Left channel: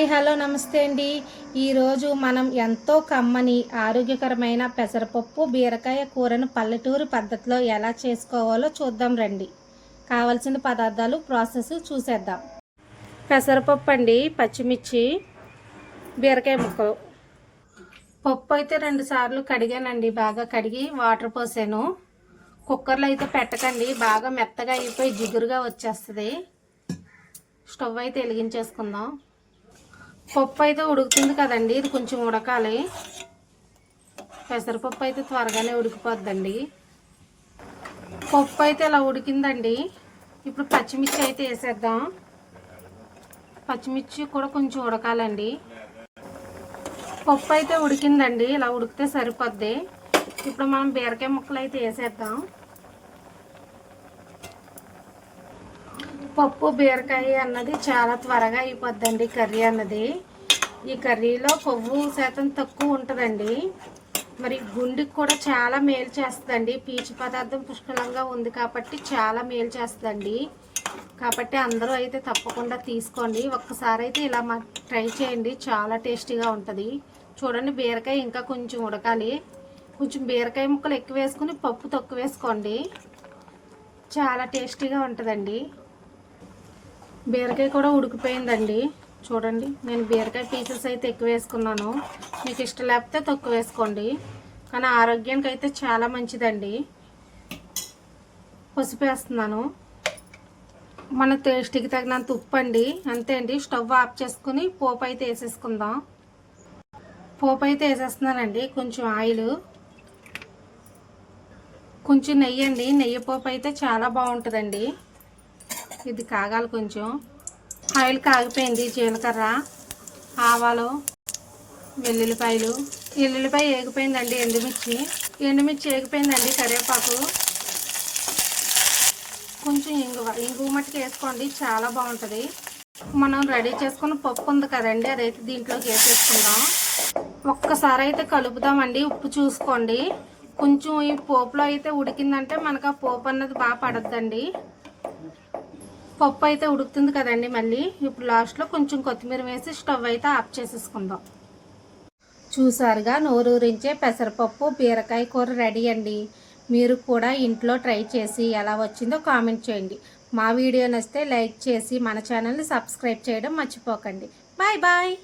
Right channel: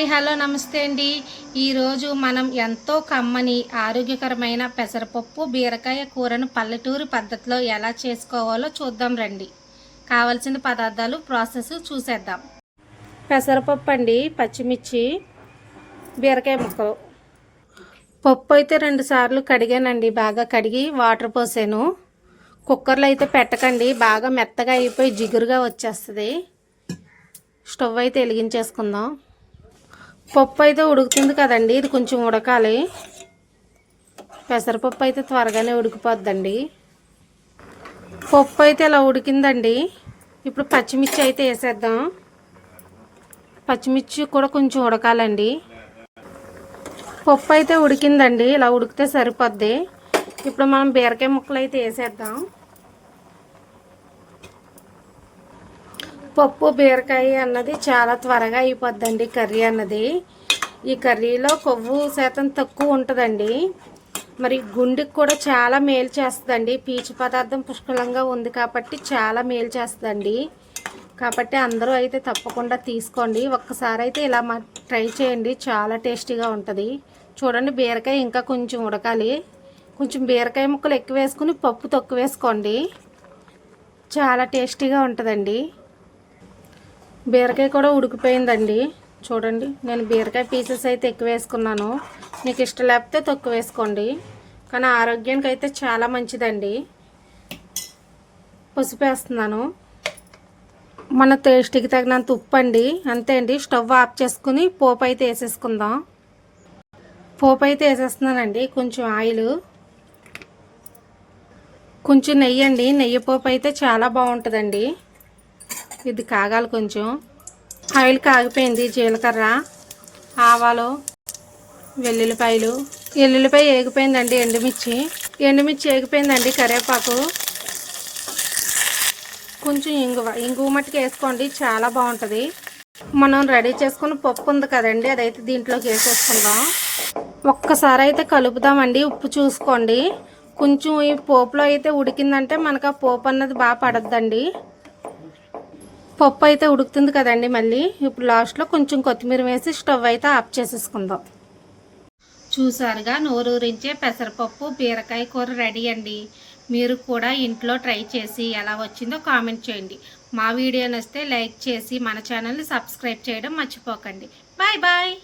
Hi hello నమస్తే అండి. ఈరోజు మనం ఎంతో కమ్మని ఆరోగ్యకరమైన పెసరపప్పు బీరకాయ కూరను పల్లెటూరు పద్ధతిలో ఎలా చేసుకోవాలో చూద్దాం రండి. కావలసిన పదార్థాలు ప్రాసెస్ చూసేద్దాం. పెసరపప్పు అండి, పచ్చిమిర్చి, బీరకాయ ముక్కలు. పప్పు అయితే 2 సార్లు కడిగానండి. బాగా కడిగి వాటర్ పోసాను. కుక్కర్లో అయితే పెట్టకండి, బాగా మెత్తగా అయిపోయి జిగురుగా వచ్చేస్తుంది. స్టవ్ అయితే వెలిగించేసుకుందాం. పప్పు అయితే ఉడుకుతుంది కదండి, ఇది కొంచెం ఉడకాలి. పెసరపప్పు అయితే త్వరగానే ఉడికిపోద్దండి. పప్పు అయితే ఇలా ఉడికిందండి. ఇప్పుడు పచ్చిమిర్చి అయితే వేసేద్దాం. పచ్చిమిర్చి కూడా కొంచెం ఉడకాలండి. పప్పు అయితే ఉడికిందండి, ఇలా ఉడికితే సరిపోద్ది. ఇప్పుడు మనం బీరకాయ ముక్కలు అయితే వేసేద్దాం. పప్పు బీరకాయ అన్నది చాలా త్వరగా అయిపోద్దండి కర్రీ అన్నది. ఈ కర్రీలో కొవ్వు శాతం తక్కువ ఉంటుందండి. మరి గుండెకి కూడా చాలా మేలు చేస్తుందండి. పీచు పదార్థం పుష్కలంగా ఉంది కాబట్టి చాలా మేలు చేస్తుందండి. కాబట్టి అందరూ అయితే తప్పకుండా తీసుకోండి. ఒక్కసారి అయితే ఇలా ట్రై చేయండి, చాలా టేస్టీగా ఉంటుంది. చూడండి, బీరకాయ ఇంకా కొంచెం ఉడకాలి. కొంచెం బీరకాయ ముక్కలు ఎక్కువ వేసుకుని పప్పు తక్కువ వేసుకోండి, చాలా టేస్టీగా ఉంటుందండి. బీరకాయ కూడా ఉడికిపోయిందండి. చూడండి, నేను బీరకాయ పీసెస్ అయితే ఎక్కువ వేసుకున్నాను. మీకు ఇష్టం లేకపోతే తక్కువ వేసుకోండి, కానీ ఆరోగ్యానికి అయితే చాలా మంచిదండి. పసుపు వేస్తున్నాను. మన టేస్ట్కి తగినంత ఉప్పు అండి, అంతే అండి. స్టవ్ ఆఫ్ చేసుకుని పోపు అయితే వేసేసుకుందాం. పోపు అయితే వేసేస్తున్నానండి. కొంచెం ఆయిల్, కొంచెం నెయ్యి అండి. నెయ్యి పోపు అయితే చాలా బాగుంటుందండి. ఇది కాగాలి కొంచెం. ఆయిల్ కాగిపోయింది. జీలకర్ర, ఆవాలు, వెల్లుల్లిపాయలు. ఎల్లుల్లిపాయ ఏగిపోయిందండి. ఎండుమిర్చి ఏగిపోయిందండి. కరివేపాకు, కొంచెం ఇంగువ మట్టుకు వేసుకోండి, చాలా బాగుంటుంది. మనం రెడీ చేసుకున్న పప్పు ఉంది కదండి, అదైతే దీంట్లోకి వేసేసుకుందాం. ఒక్కసారి అయితే కలుపుదామండి. ఉప్పు చూసుకోండి. కొంచెం ఈ పోపులో అయితే ఉడికిందంటే మనకు ఆ పోపు అన్నది బాగా పడద్దండి. పప్పు అయితే ఉడుకుతుంది కదండి. మళ్ళీ ఇప్పుడు లాస్ట్లో కొంచెం కొత్తిమీర వేసి స్టవ్ అయితే ఆఫ్ చేసేసుకుందాం. చూసారుగా, నోరూరించే పెసరపప్పు బీరకాయ కూర రెడీ అండి. మీరు కూడా ఇంట్లో ట్రై చేసి ఎలా వచ్చిందో కామెంట్ చేయండి. మా వీడియో నచ్చితే లైక్ చేసి మన ఛానల్ని సబ్స్క్రైబ్ చేయడం మర్చిపోకండి. Bye bye.